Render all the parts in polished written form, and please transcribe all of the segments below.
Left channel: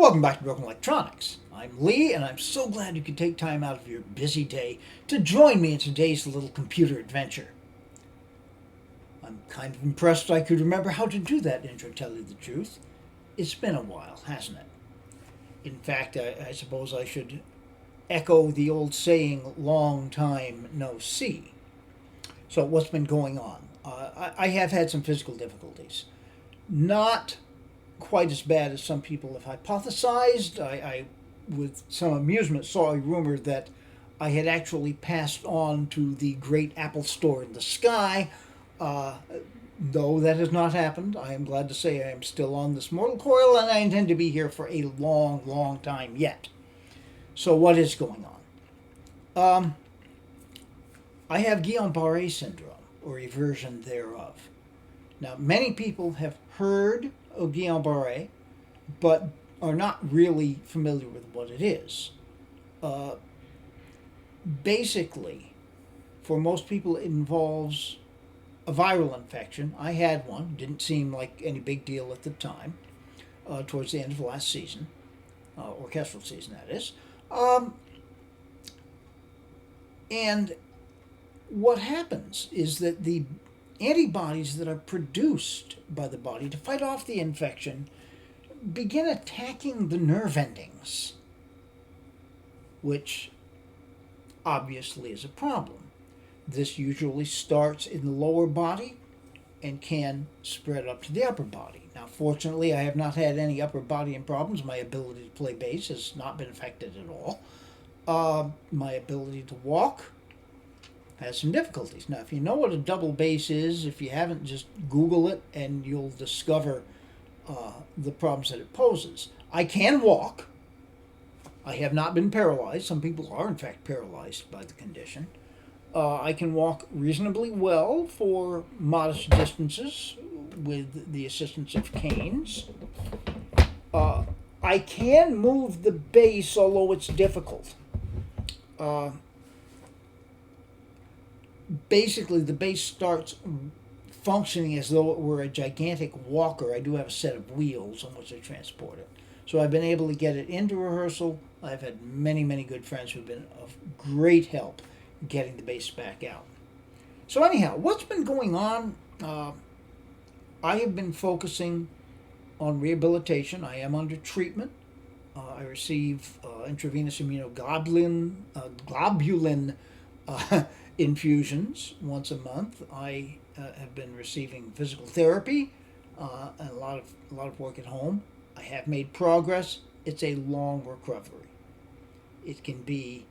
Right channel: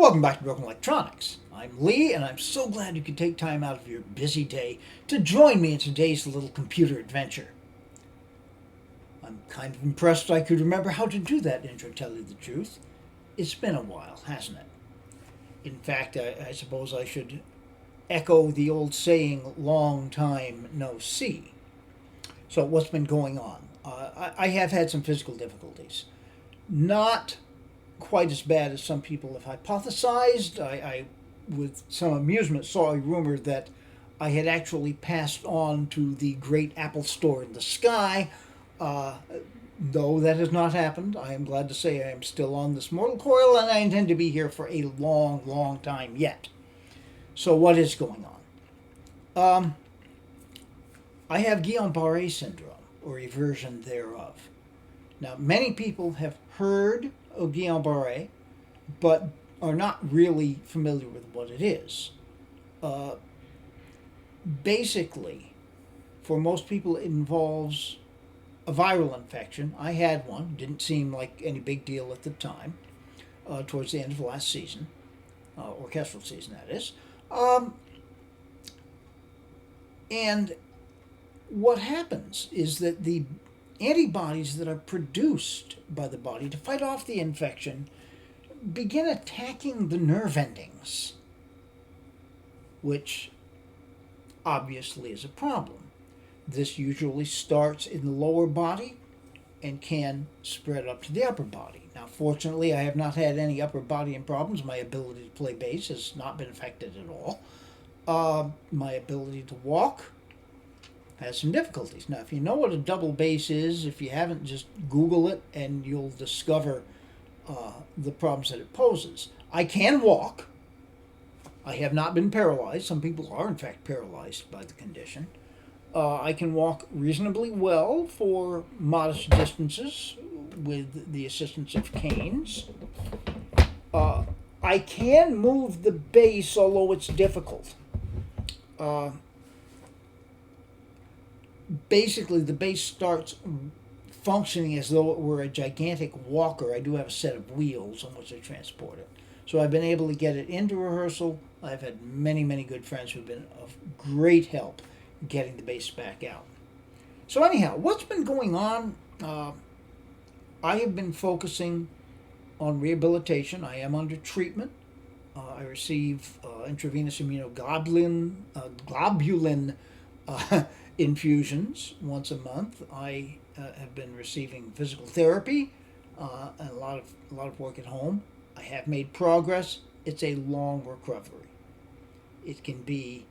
Welcome back to Broken Electronics. I'm Lee, and I'm so glad you could take time out of your busy day to join me in today's little computer adventure. I'm kind of impressed I could remember how to do that intro, to tell you the truth. It's been a while, hasn't it? In fact, I suppose I should echo the old saying, long time no see. So what's been going on? I have had some physical difficulties. Not quite as bad as some people have hypothesized. I with some amusement, saw a rumor that I had actually passed on to the great Apple store in the sky. Though that has not happened, I am glad to say I am still on this mortal coil, and I intend to be here for a long, long time yet. So what is going on? I have Guillain-Barré syndrome, or a version thereof. Now, many people have heard of Guillain-Barré, but are not really familiar with what it is. Basically, for most people, it involves a viral infection. I had one. Didn't seem like any big deal at the time, towards the end of last season, orchestral season, that is. And what happens is that the antibodies that are produced by the body to fight off the infection begin attacking the nerve endings, which obviously is a problem. This usually starts in the lower body and can spread up to the upper body. Now, fortunately, I have not had any upper body problems. My ability to play bass has not been affected at all. My ability to walk has some difficulties. Now, if you know what a double bass is, if you haven't, just Google it and you'll discover the problems that it poses. I can walk. I have not been paralyzed. Some people are, in fact, paralyzed by the condition. I can walk reasonably well for modest distances with the assistance of canes. I can move the bass, although it's difficult. Basically, the bass starts functioning as though it were a gigantic walker. I do have a set of wheels on which I transport it. So I've been able to get it into rehearsal. I've had many, many good friends who've been of great help getting the bass back out. So anyhow, what's been going on? I have been focusing on rehabilitation. I am under treatment. I receive intravenous immunoglobulin infusions once a month. I have been receiving physical therapy and a lot of work at home. I have made progress. It's a long recovery. It can be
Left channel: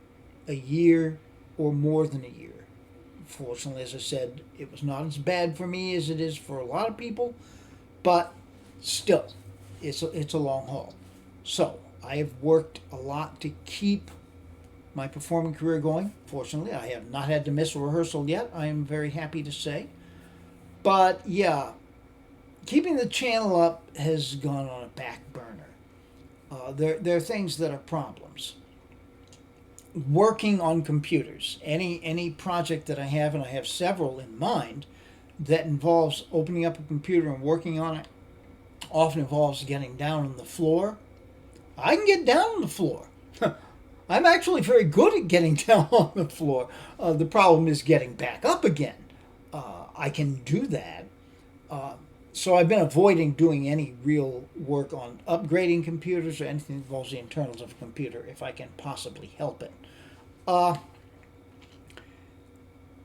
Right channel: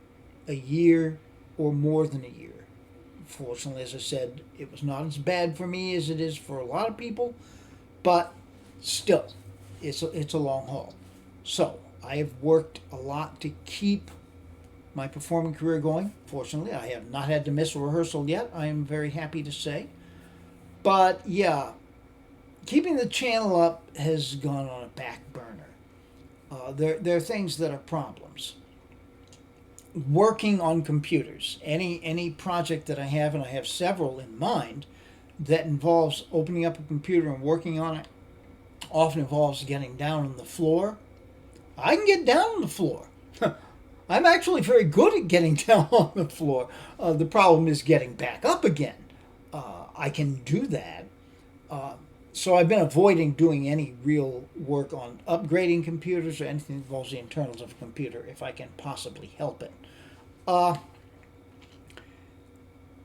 a year or more than a year. Fortunately, as I said, it was not as bad for me as it is for a lot of people, but still, it's a long haul. So I have worked a lot to keep my performing career going. Fortunately, I have not had to miss a rehearsal yet. I am very happy to say. But yeah, keeping the channel up has gone on a back burner. There are things that are problems. Working on computers, any project that I have, and I have several in mind, that involves opening up a computer and working on it, often involves getting down on the floor. I can get down on the floor. I'm actually very good at getting down on the floor. The problem is getting back up again. I can do that. So I've been avoiding doing any real work on upgrading computers or anything that involves the internals of a computer if I can possibly help it.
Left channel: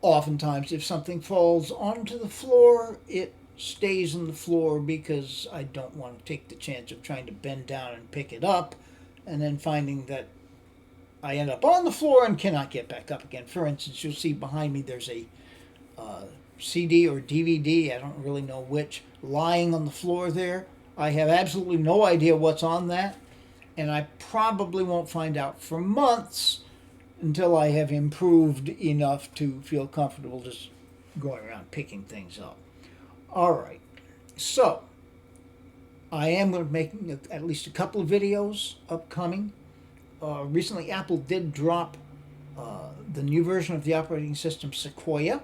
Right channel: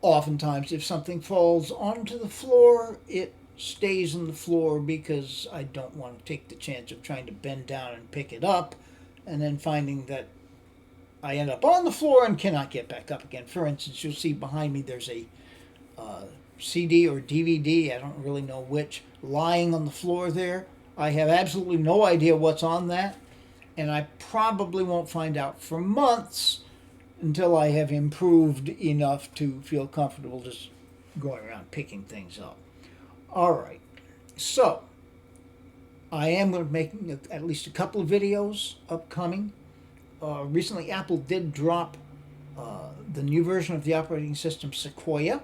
Oftentimes, if something falls onto the floor, it stays on the floor because I don't want to take the chance of trying to bend down and pick it up and then finding that I end up on the floor and cannot get back up again. For instance, you'll see behind me there's a CD or DVD, I don't really know which, lying on the floor there. I have absolutely no idea what's on that, and I probably won't find out for months until I have improved enough to feel comfortable just going around picking things up. All right, so I am going to be making at least a couple of videos upcoming. Recently, Apple did drop the new version of the operating system, Sequoia,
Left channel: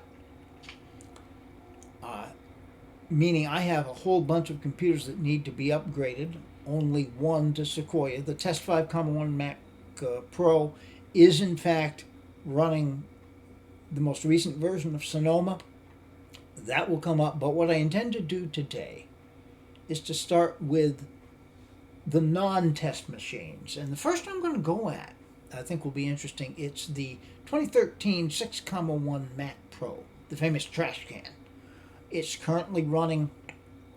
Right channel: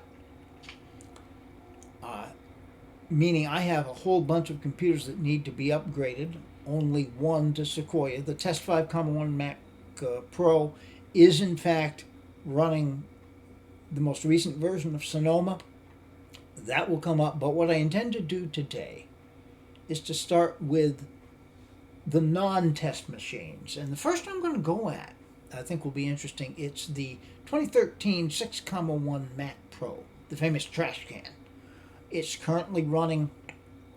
meaning I have a whole bunch of computers that need to be upgraded only one to Sequoia. The Test 5.1 Mac Pro is in fact running the most recent version of Sonoma. That will come up, but what I intend to do today is to start with the non-test machines. And the first I'm going to go at, I think will be interesting, it's the 2013 6.1 Mac Pro, the famous Trashcan. It's currently running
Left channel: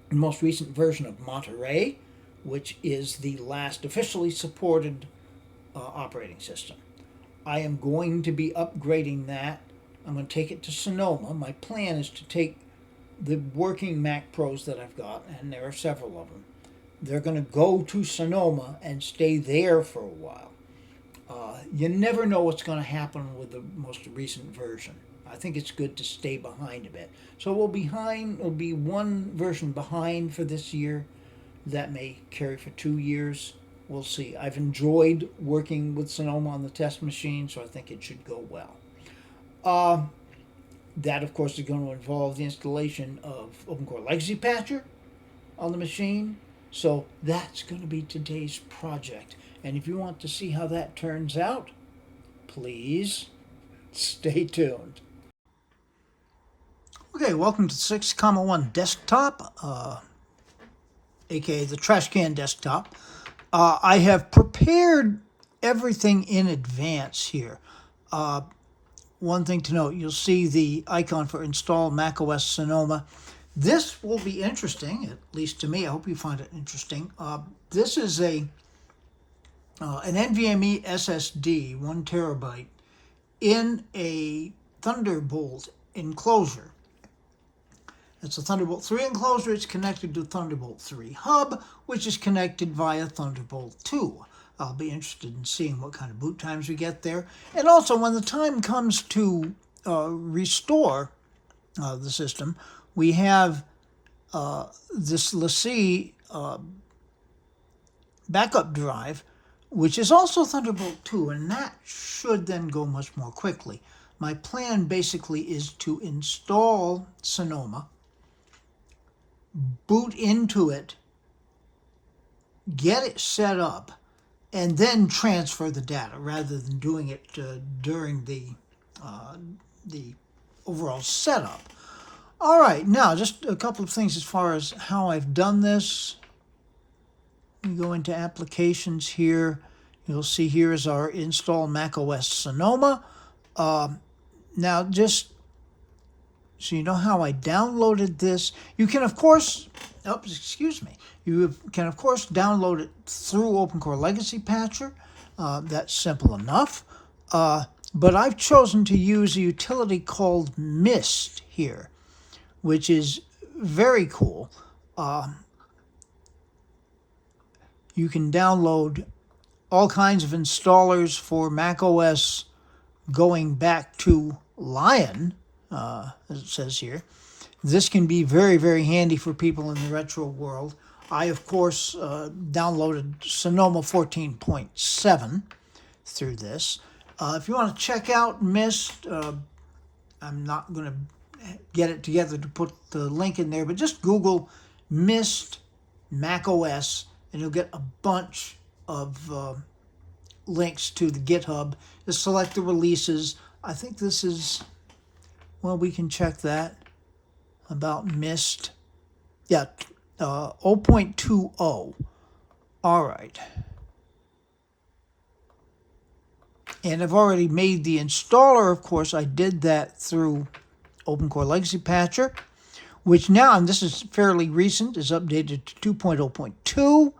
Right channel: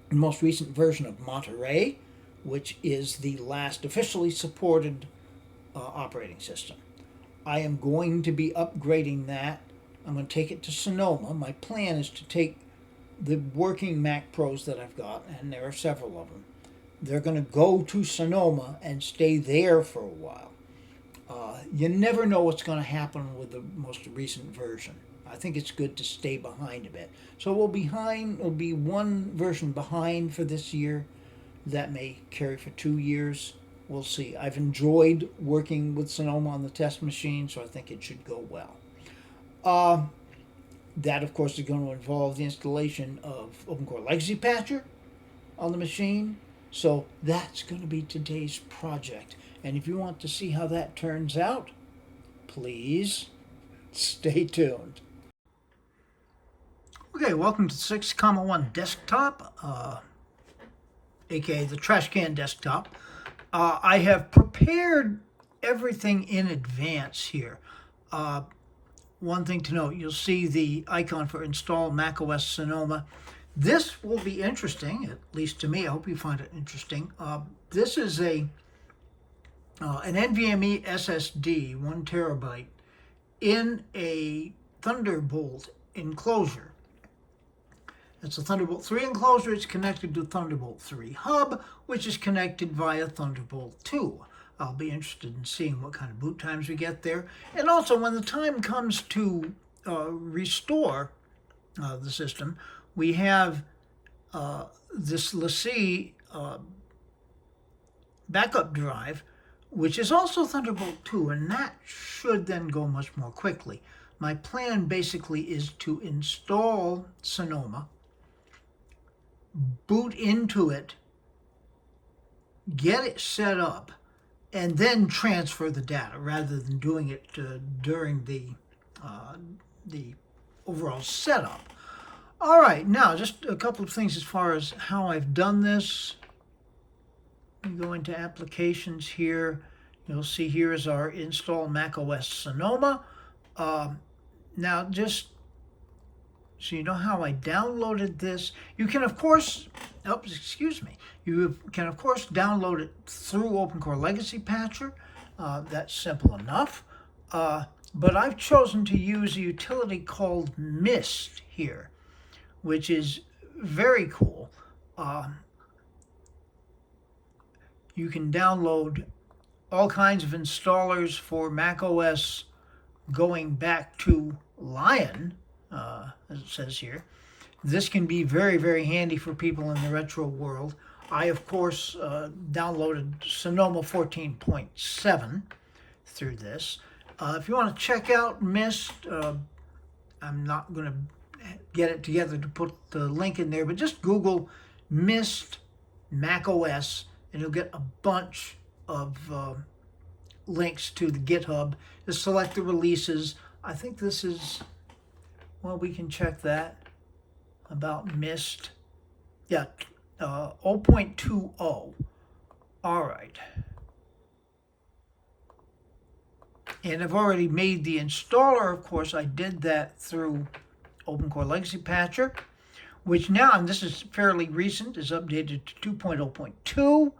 the most recent version of Monterey, which is the last officially supported operating system. I am going to be upgrading that. I'm going to take it to Sonoma. My plan is to take the working Mac Pros that I've got, and there are several of them. They're going to go to Sonoma and stay there for a while. You never know what's going to happen with the most recent version. I think it's good to stay behind a bit. So we'll be one version behind for this year. That may carry for 2 years. We'll see. I've enjoyed working with Sonoma on the test machine, so I think it should go well. That, of course, is going to involve the installation of OpenCore Legacy Patcher on the machine. So that's going to be today's project. And if you want to see how that turns out, please stay tuned. Okay, welcome to the 6.1 desktop, aka the Trashcan desktop. I have prepared everything in advance here. One thing to note, you'll see the icon for install macOS Sonoma. This will be interesting, at least to me. I hope you find it interesting. This is an NVMe SSD, 1 terabyte, in a Thunderbolt enclosure. It's a Thunderbolt 3 enclosure. It's connected to Thunderbolt 3 hub, which is connected via Thunderbolt 2. I'll be interested in seeing what kind of boot times we get there. And also, when the time comes to restore the system, we have this LaCie backup drive, which is also Thunderbolt 2, and that should then go much more quickly. My plan basically is to install Sonoma, boot into it, get it set up, and then transfer the data rather than doing it during the overall setup. All right, now just a couple of things as far as how I've done this. We go into applications here. You'll see here is our install macOS Sonoma. Now, just so you know how I downloaded this, you can of course, you can of course download it through OpenCore Legacy Patcher. That's simple enough. But I've chosen to use a utility called Mist here, which is very cool. You can download all kinds of installers for macOS going back to Lion, as it says here. This can be very, very handy for people in the retro world. I, of course, downloaded Sonoma 14.7 through this. If you want to check out Mist, I'm not going to get it together to put the link in there, but just Google Mist macOS, and you'll get a bunch of links to the GitHub. Just select the releases. I think this is, well, we can check that about Mist. Yeah, 0.20. All right. And I've already made the installer, of course. I did that through OpenCore Legacy Patcher, which now, and this is fairly recent, is updated to 2.0.2.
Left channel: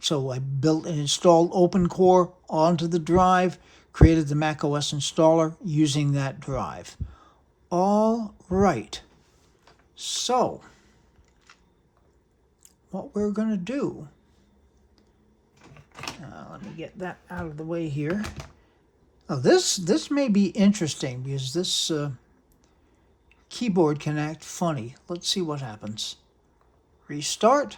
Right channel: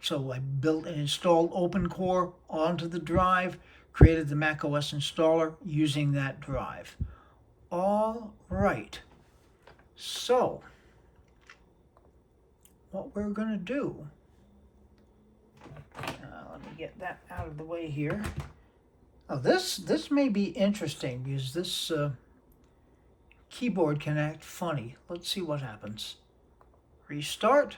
So I built and installed OpenCore onto the drive, created the macOS installer using that drive. All right. So, what we're going to do, let me get that out of the way here. Now this may be interesting because this keyboard can act funny. Let's see what happens. Restart.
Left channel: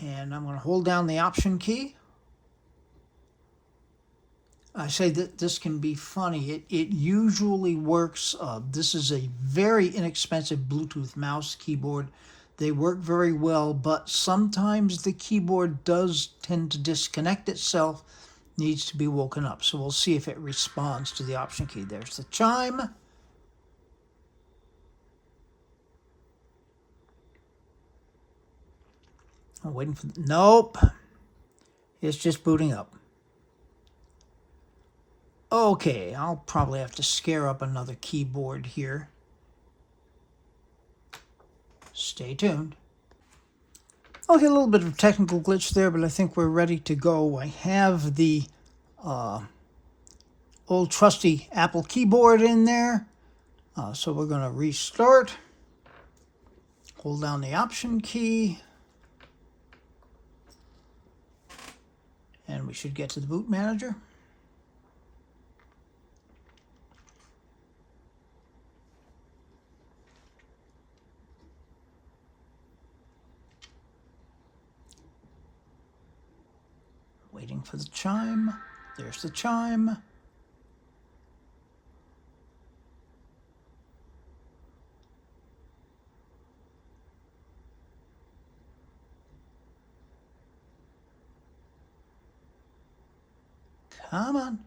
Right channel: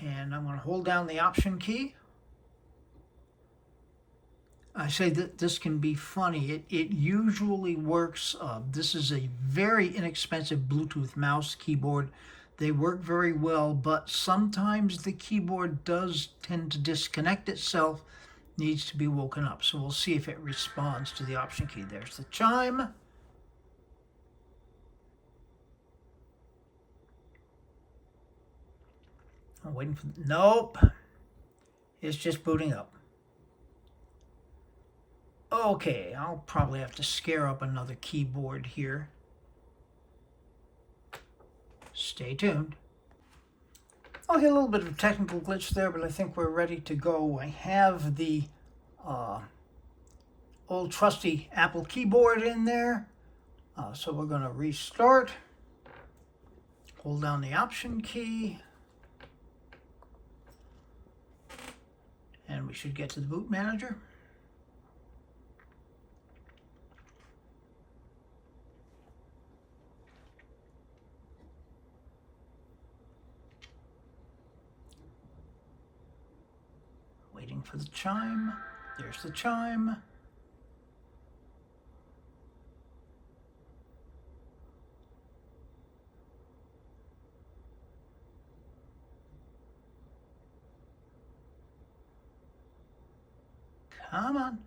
And I'm going to hold down the Option key. I say that this can be funny. It usually works. This is a very inexpensive Bluetooth mouse keyboard They work very well, but sometimes the keyboard does tend to disconnect itself, needs to be woken up. So we'll see if it responds to the Option key. There's the chime. I'm waiting for, nope. It's just booting up. Okay, I'll probably have to scare up another keyboard here. Stay tuned. Okay, a little bit of a technical glitch there, but I think we're ready to go. I have the old trusty Apple keyboard in there. So we're going to restart. Hold down the Option key. And we should get to the boot manager. Waiting for the chime. There's the chime. Come on.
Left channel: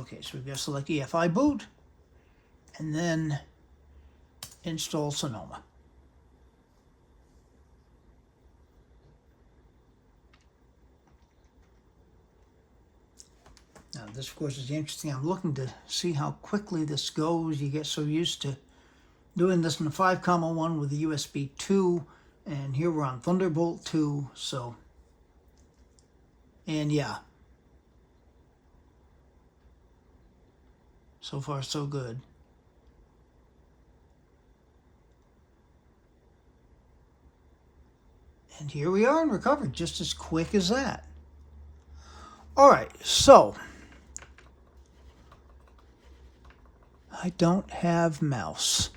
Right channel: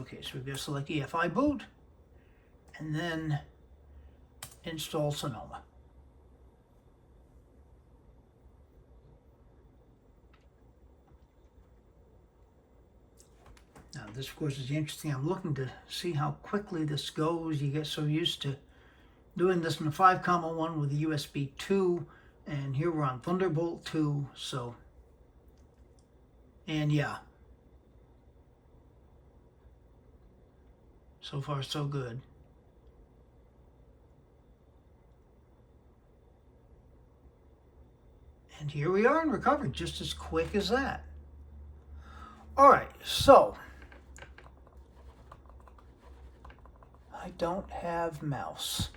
Okay, so we've got to select EFI boot and then install Sonoma. Now this, of course, is interesting. I'm looking to see how quickly this goes. You get so used to doing this in the 5.1 with the USB 2, and here we're on Thunderbolt 2, so, and yeah. So far, so good. And here we are in recovery, just as quick as that. All right, so I don't have mouse.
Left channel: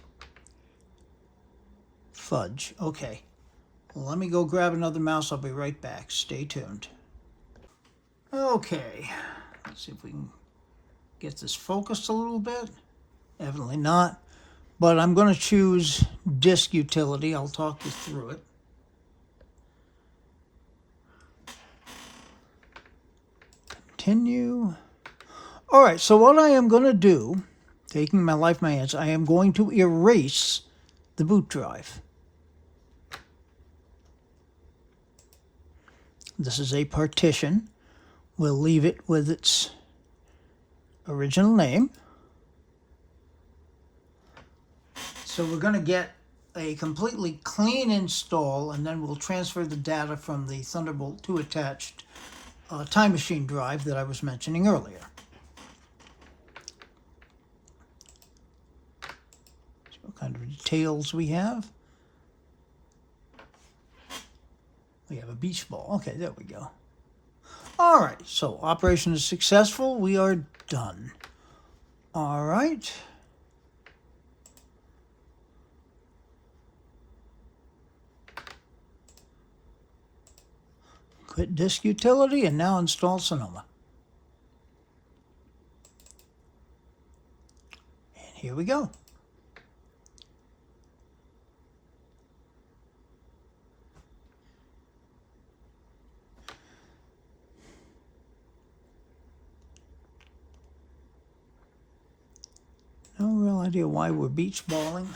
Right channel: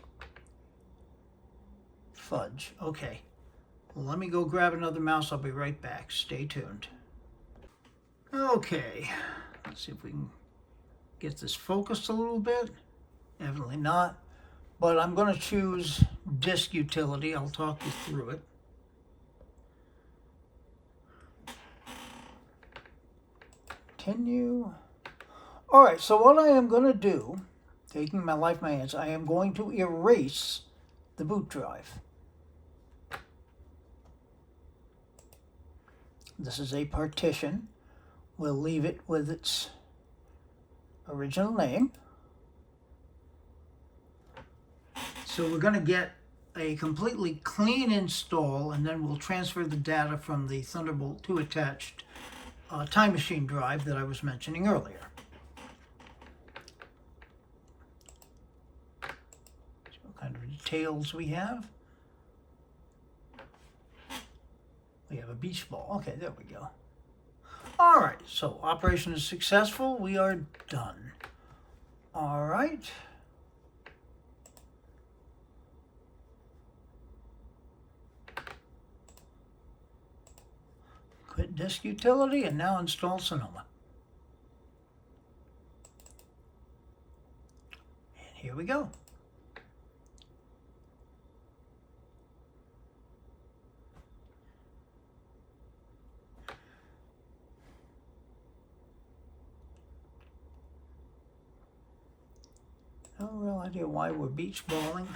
Fudge. Okay. Well, let me go grab another mouse. I'll be right back. Stay tuned. Okay. Let's see if we can get this focused a little bit. Evidently not. But I'm going to choose Disk Utility. I'll talk you through it. Continue. All right, so what I am going to do, taking my life in my hands, I am going to erase the boot drive. This is a partition. We'll leave it with its original name. So we're going to get a completely clean install, and then we'll transfer the data from the Thunderbolt 2 attached Time Machine drive that I was mentioning earlier. So what kind of details we have? We have a beach ball. Okay, there we go. All right, so operation is successful. We are done. All right. Quit Disk Utility and now install Sonoma. And here we go. No real idea why we're beach balling.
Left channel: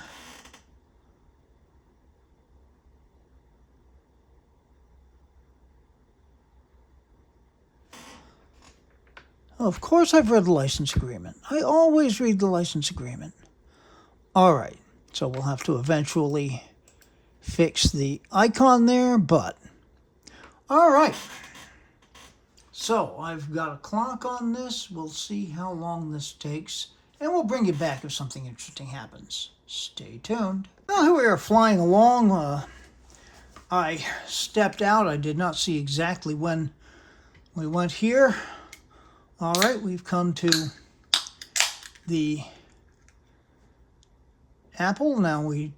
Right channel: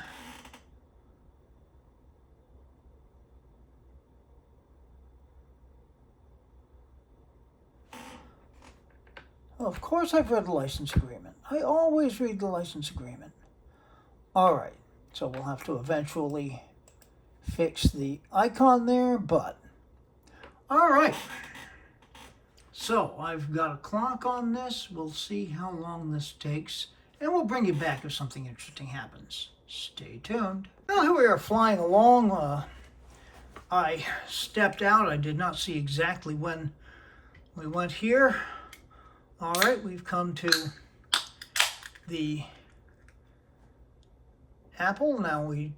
Of course I've read the license agreement. I always read the license agreement. All right, so we'll have to eventually fix the icon there, but all right. So I've got a clock on this. We'll see how long this takes, and we'll bring you back if something interesting happens. Stay tuned. Well, here we are flying along. I stepped out. I did not see exactly when we went here. All right, we've come to the Apple. Now we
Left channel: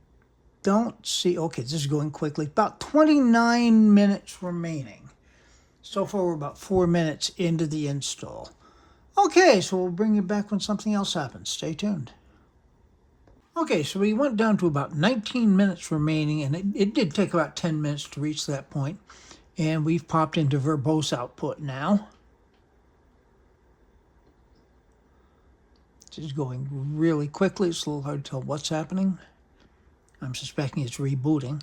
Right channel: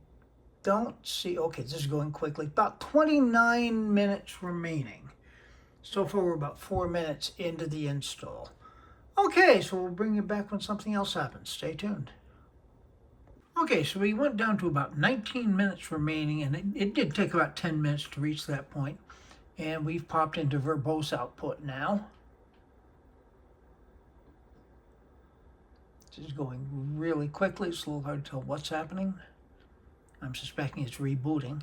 don't see, okay, this is going quickly. About 29 minutes remaining. So far, we're about 4 minutes into the install. Okay, so we'll bring you back when something else happens. Stay tuned. Okay, so we went down to about 19 minutes remaining, and it did take about 10 minutes to reach that point. And we've popped into verbose output now. This is going really quickly. It's a little hard to tell what's happening. I'm suspecting it's rebooting.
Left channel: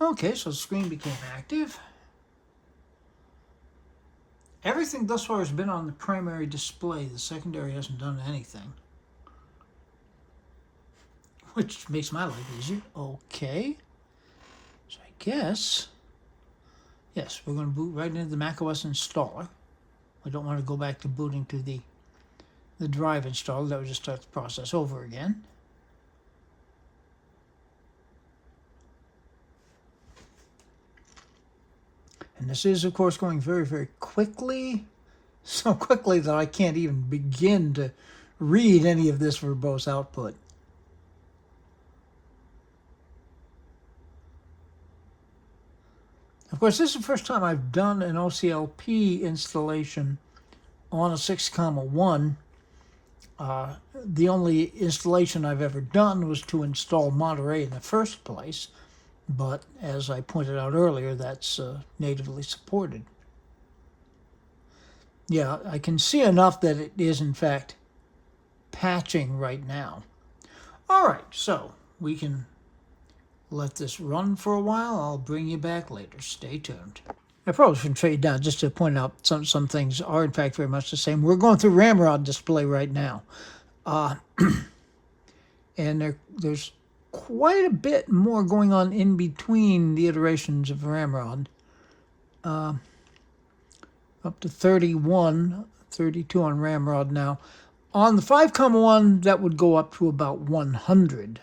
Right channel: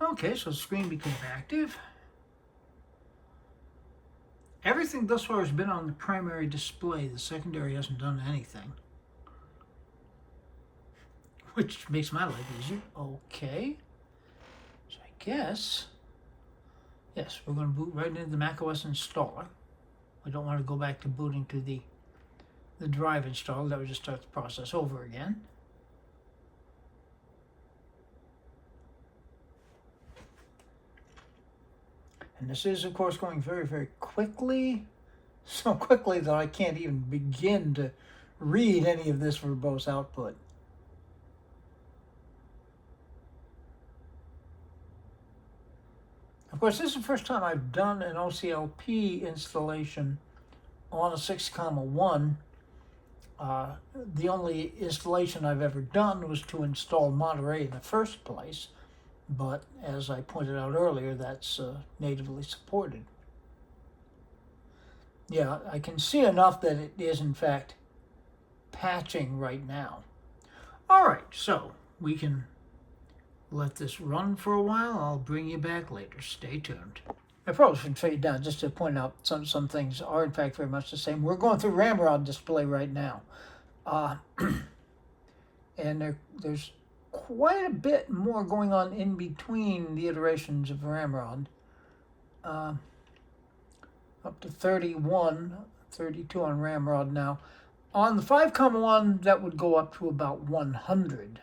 Okay, so the screen became active. Everything thus far has been on the primary display. The secondary hasn't done anything, which makes my life easy. Okay, so I guess, yes, we're going to boot right into the macOS installer. We don't want to go back to booting to the drive installer. That would just start the process over again. And this is, of course, going very, very quickly. So quickly that I can't even begin to read any of this verbose output. Of course, this is the first time I've done an OCLP installation on a 6.1. The only installation I've ever done was to install Monterey in the first place, but as I pointed out earlier, that's natively supported. Yeah, I can see enough that it is in fact patching right now. All right, so we can let this run for a while. I'll bring you back later. Stay tuned. I probably should trade down just to point out some things are in fact very much the same. We're going through Ramrod display right now. And there's quite a bit more going on in between the iterations of Ramrod. Up to 31, 32 on Ramrod now. On the 5.1, that would go up to about 100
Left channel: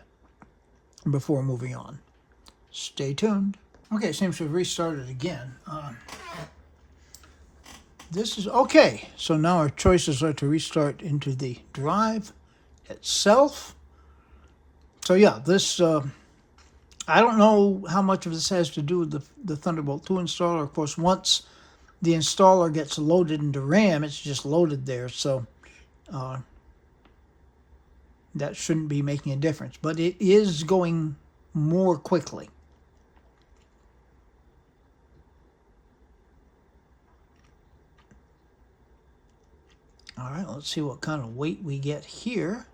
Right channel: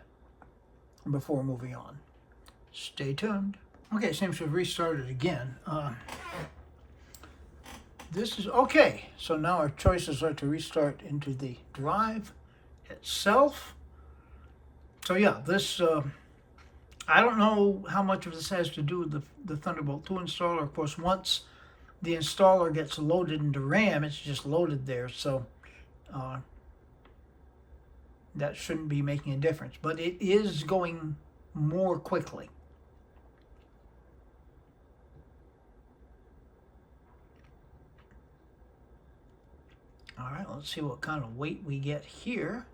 before moving on. Stay tuned. Okay, it seems to have restarted again. This is okay. So now our choices are to restart into the drive itself. So yeah, this, I don't know how much of this has to do with the Thunderbolt 2 installer. Of course, once the installer gets loaded into RAM, it's just loaded there. So that shouldn't be making a difference. But it is going more quickly. All right, let's see what kind of weight we get here.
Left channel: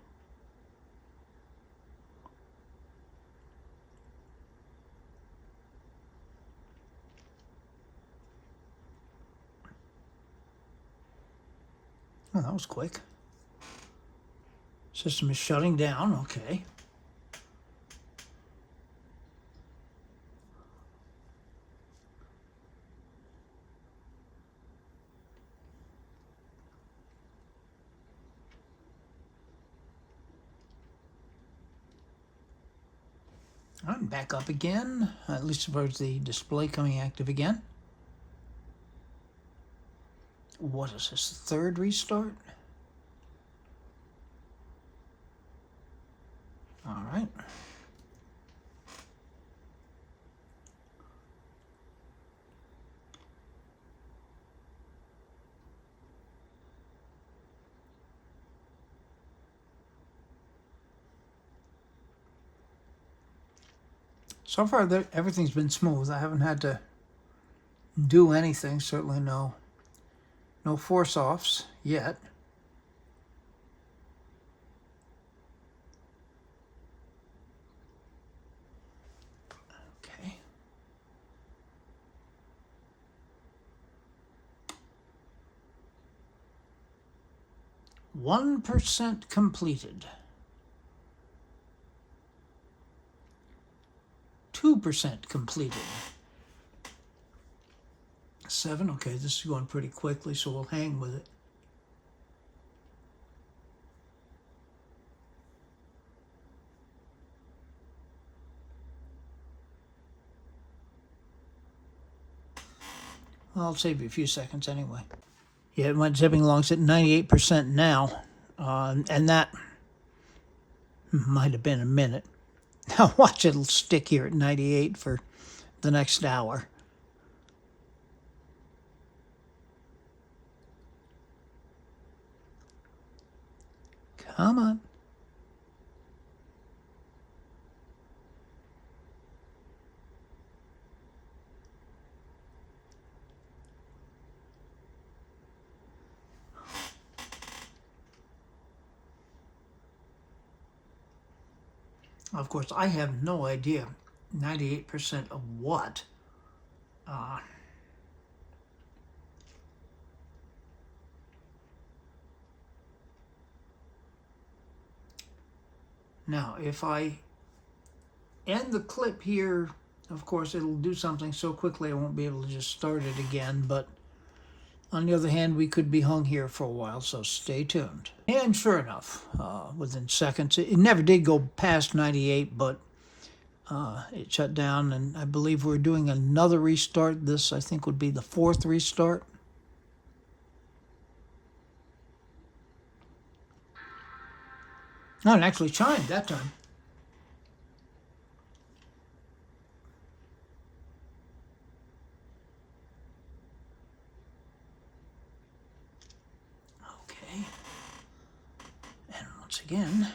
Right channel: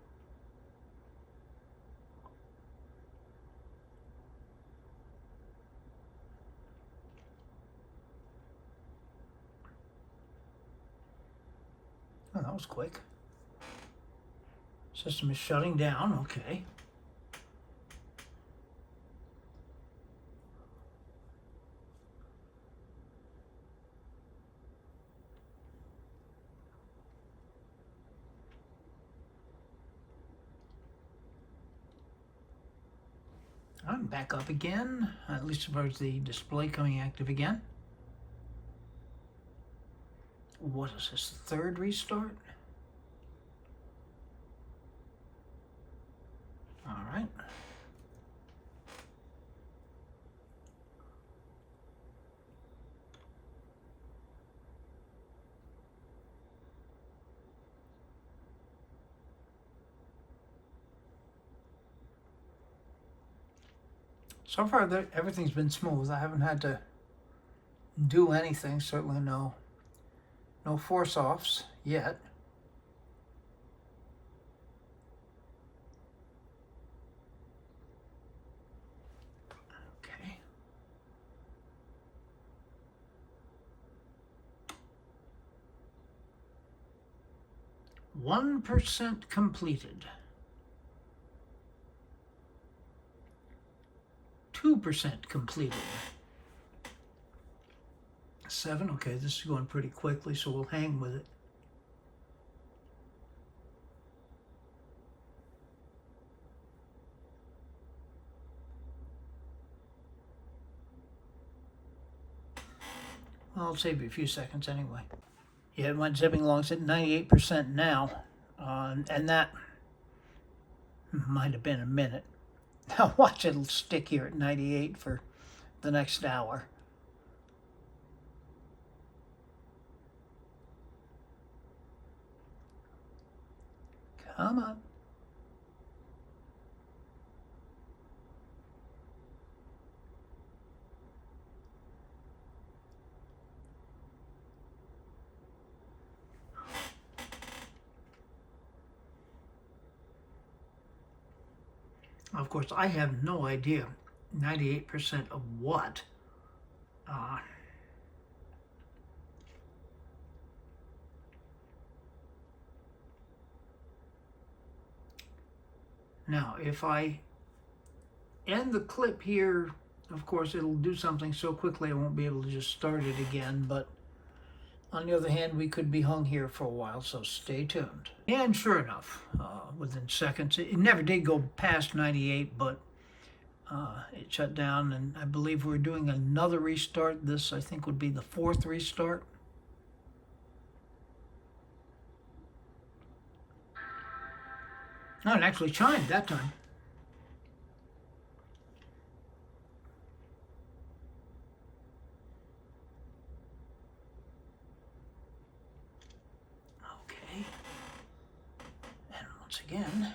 Oh, that was quick. System is shutting down, okay. I'm back up again. At least suppose the display coming active again. What is this, third restart? All right. So far, everything's been smooth. I haven't had to do anything. Certainly no force-offs yet. Okay. 1% completed. 2% completed. 7, okay, this is going pretty quickly, so we'll hang with it. Well, I'll save you a few seconds anyway. Yeah, it went zipping along. It's at 98% now, and that might have been a minute. Now watch, it'll stick here at 98 for the next hour. Come on. Of course, I have no idea 98% of what. Uh, Now, if I end the clip here, of course, it'll do something so quickly I won't be able to just start it again. But on the other hand, we could be hung here for a while, so stay tuned. And sure enough, within seconds, it never did go past 98, but it shut down, and I believe we're doing another restart. This, I think, would be the 4th restart. No, it actually chimed that time. Okay. And once again,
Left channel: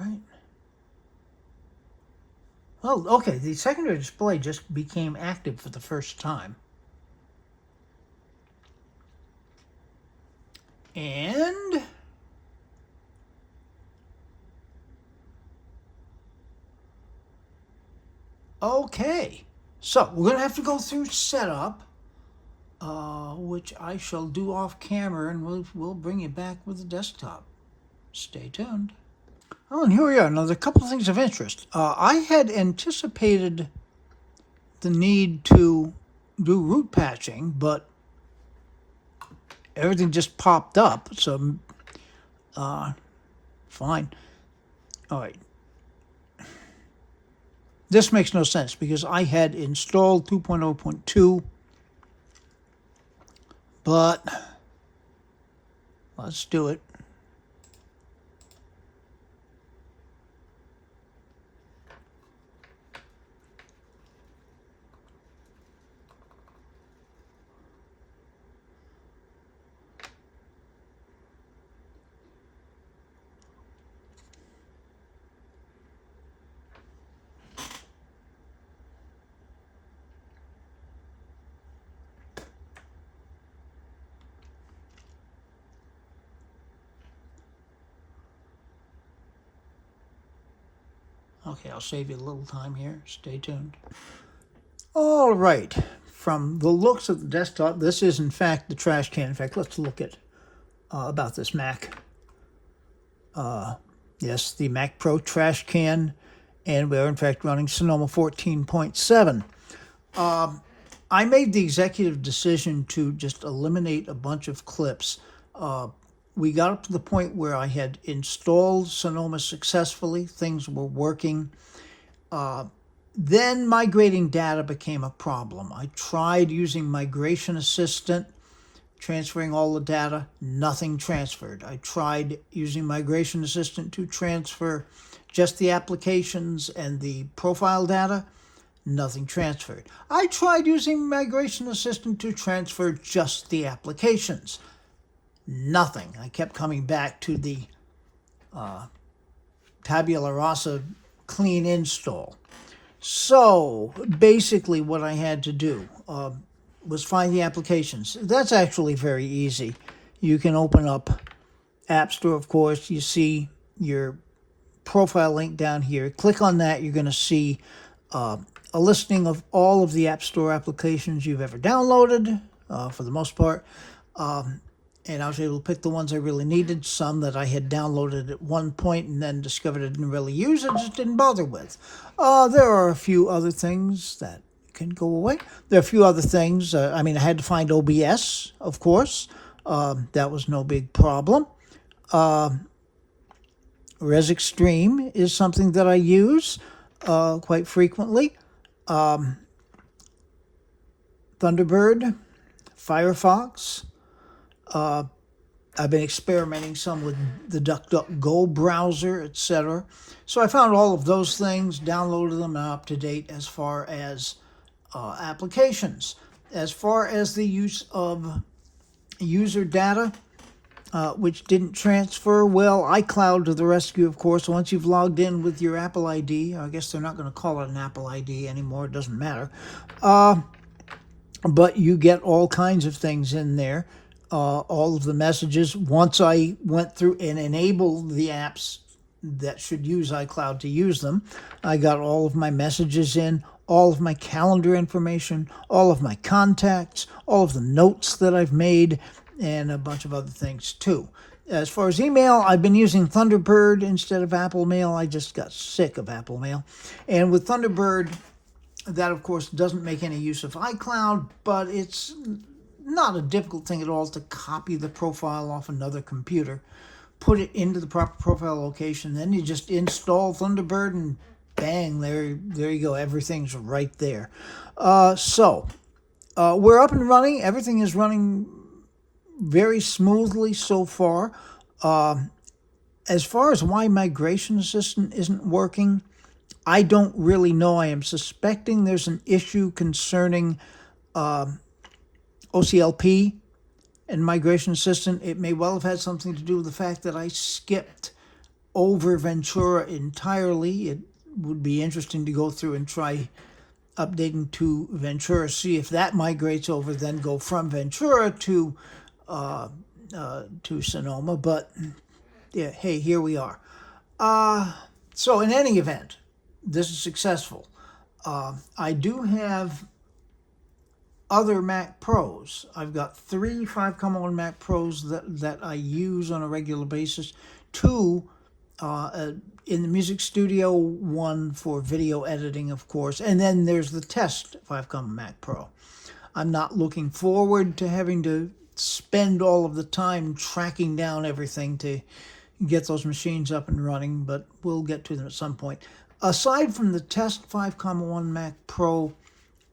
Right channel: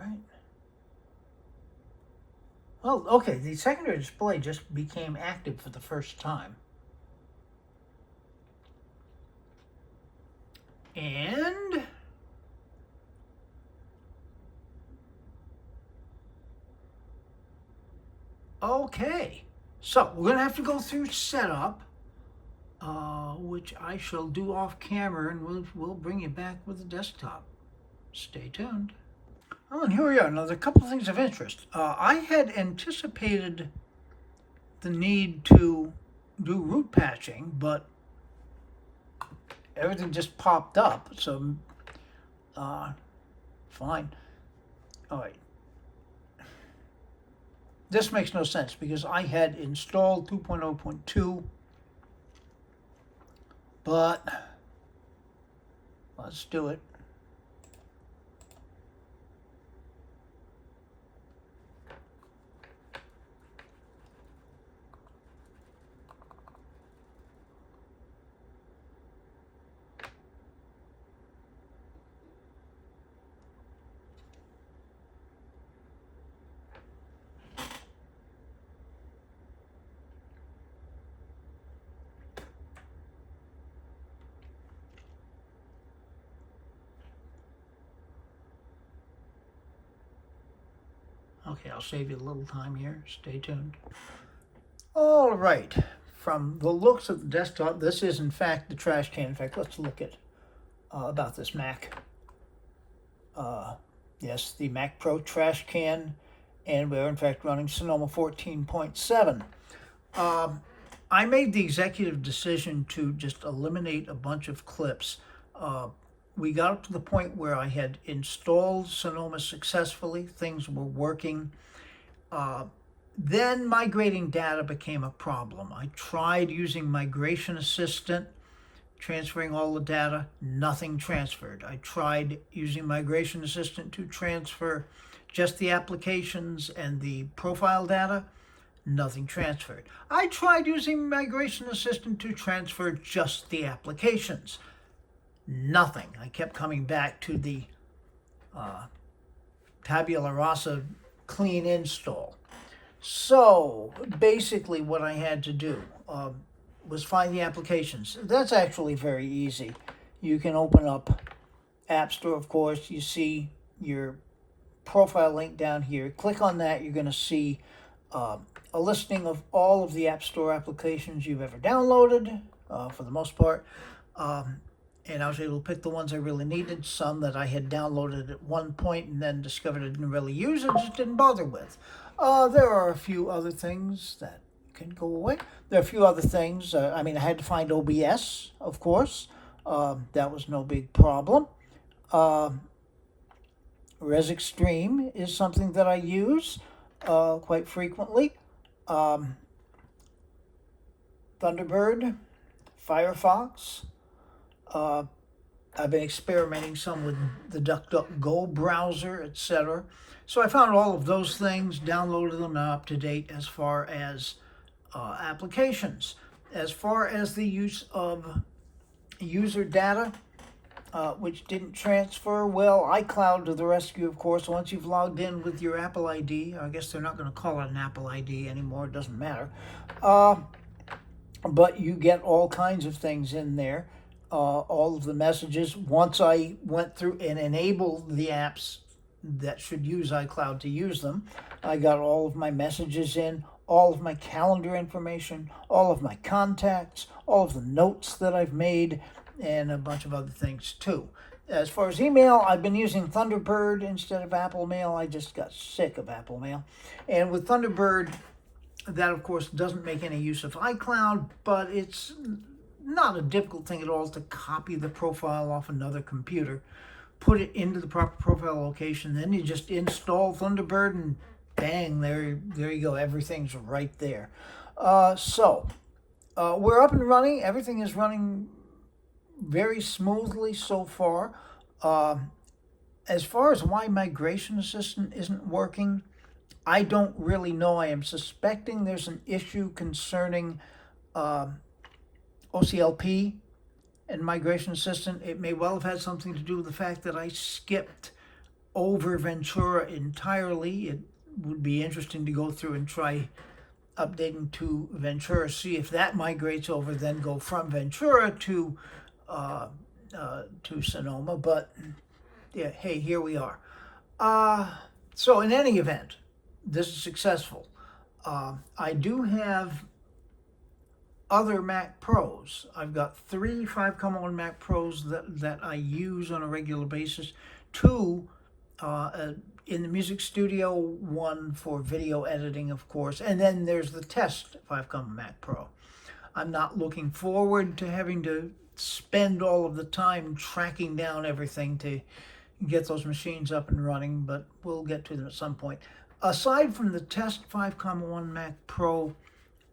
right. Oh, okay, the secondary display just became active for the first time. And okay, so we're going to have to go through setup, which I shall do off camera, and we'll bring you back with the desktop. Stay tuned. Oh, and here we are. Now, there are a couple of things of interest. I had anticipated the need to do root patching, but everything just popped up, so fine. All right. This makes no sense because I had installed 2.0.2, but let's do it. Okay, I'll save you a little time here. Stay tuned. All right. From the looks of the desktop, this is in fact the Trashcan. In fact, let's look at about this Mac. Yes, the Mac Pro Trashcan, and we are in fact running Sonoma 14.7. I made the executive decision to just eliminate a bunch of clips. We got up to the point where I had installed Sonoma successfully. Things were working. Then migrating data became a problem. I tried using Migration Assistant, transferring all the data. Nothing transferred. I tried using Migration Assistant to transfer just the applications and the profile data. Nothing transferred. I tried using Migration Assistant to transfer just the applications. Nothing. I kept coming back to the tabula rasa clean install. So basically what I had to do was find the applications. That's actually very easy. You can open up App Store, of course. You see your profile link down here. Click on that. You're going to see a listing of all of the App Store applications you've ever downloaded, for the most part. And I was able to pick the ones I really needed, some that I had downloaded at one point and then discovered I didn't really use it, just didn't bother with. There are a few other things that can go away. There are a few other things. I had to find OBS, of course. That was no big problem. Res Extreme is something that I use quite frequently. Thunderbird, Firefox. I've been experimenting some with the DuckDuckGo browser, etc. So I found all of those things, downloaded them, and up to date as far as applications. As far as the use of user data, which didn't transfer, well, iCloud to the rescue, of course. Once you've logged in with your Apple ID, I guess they're not going to call it an Apple ID anymore, it doesn't matter. But you get all kinds of things in there. All of the messages. Once I went through and enabled the apps that should use iCloud to use them, I got all of my messages in, all of my calendar information, all of my contacts, all of the notes that I've made, and a bunch of other things too. As far as email, I've been using Thunderbird instead of Apple Mail. I just got sick of Apple Mail. And with Thunderbird, that of course doesn't make any use of iCloud, but it's not a difficult thing at all to copy the profile off another computer, put it into the proper profile location, then you just install Thunderbird and bang, there you go. Everything's right there. So we're up and running. Everything is running very smoothly so far. As far as why Migration Assistant isn't working, I don't really know. I am suspecting there's an issue concerning OCLP and Migration Assistant. It may well have had something to do with the fact that I skipped over Ventura entirely. It would be interesting to go through and try updating to Ventura, see if that migrates over, then go from Ventura to Sonoma. But yeah, hey, here we are. So in any event, this is successful. I do have other Mac Pros. I've got 3 5.1 Mac Pros that I use on a regular basis. 2 in the music studio, 1 for video editing, of course, and then there's the test 5.1 Mac Pro. I'm not looking forward to having to spend all of the time tracking down everything to get those machines up and running, but we'll get to them at some point. Aside from the test 5.1 Mac Pro,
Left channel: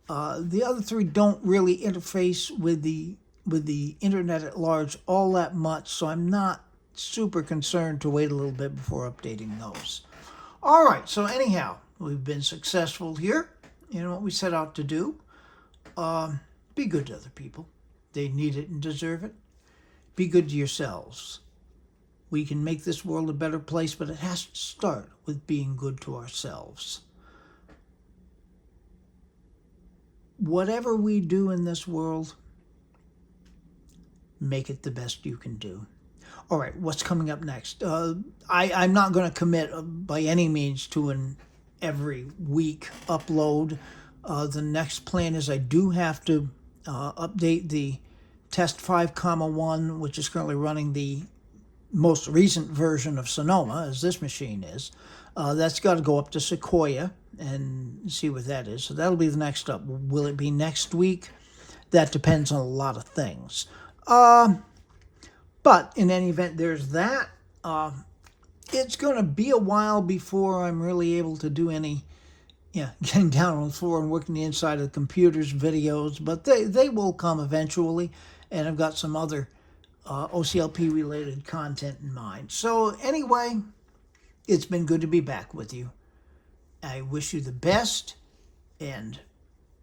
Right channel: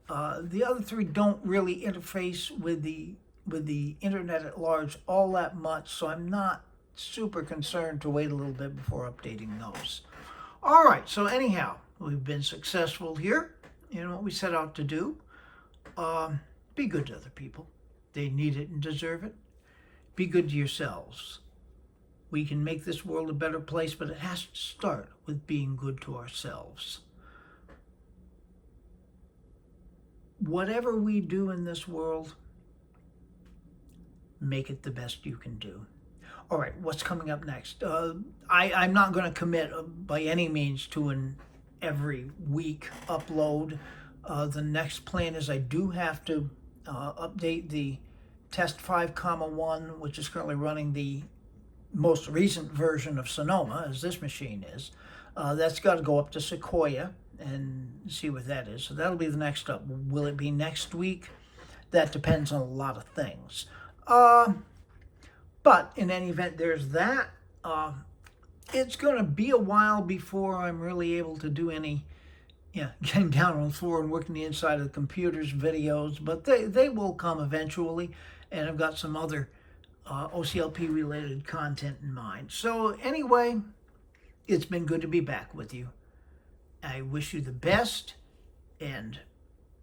the other 3 don't really interface with the internet at large all that much, so I'm not super concerned to wait a little bit before updating those. All right, so anyhow, we've been successful here in what we set out to do. Be good to other people. They need it and deserve it. Be good to yourselves. We can make this world a better place, but it has to start with being good to ourselves. Whatever we do in this world, make it the best you can do. All right, what's coming up next? I'm not going to commit by any means to an every week upload. The next plan is I do have to update the test 5.1, which is currently running the most recent version of Sonoma, as this machine is. That's got to go up to Sequoia and see what that is. So that'll be the next up. Will it be next week? That depends on a lot of things. But in any event, there's that. It's going to be a while before I'm really able to do any getting down on the floor and working the inside of the computers, videos, but they will come eventually. And I've got some other OCLP related content in mind. So anyway, it's been good to be back with you. I wish you the best, and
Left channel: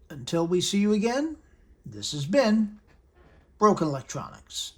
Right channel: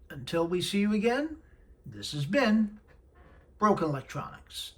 until we see you again, this has been Broken Electronics.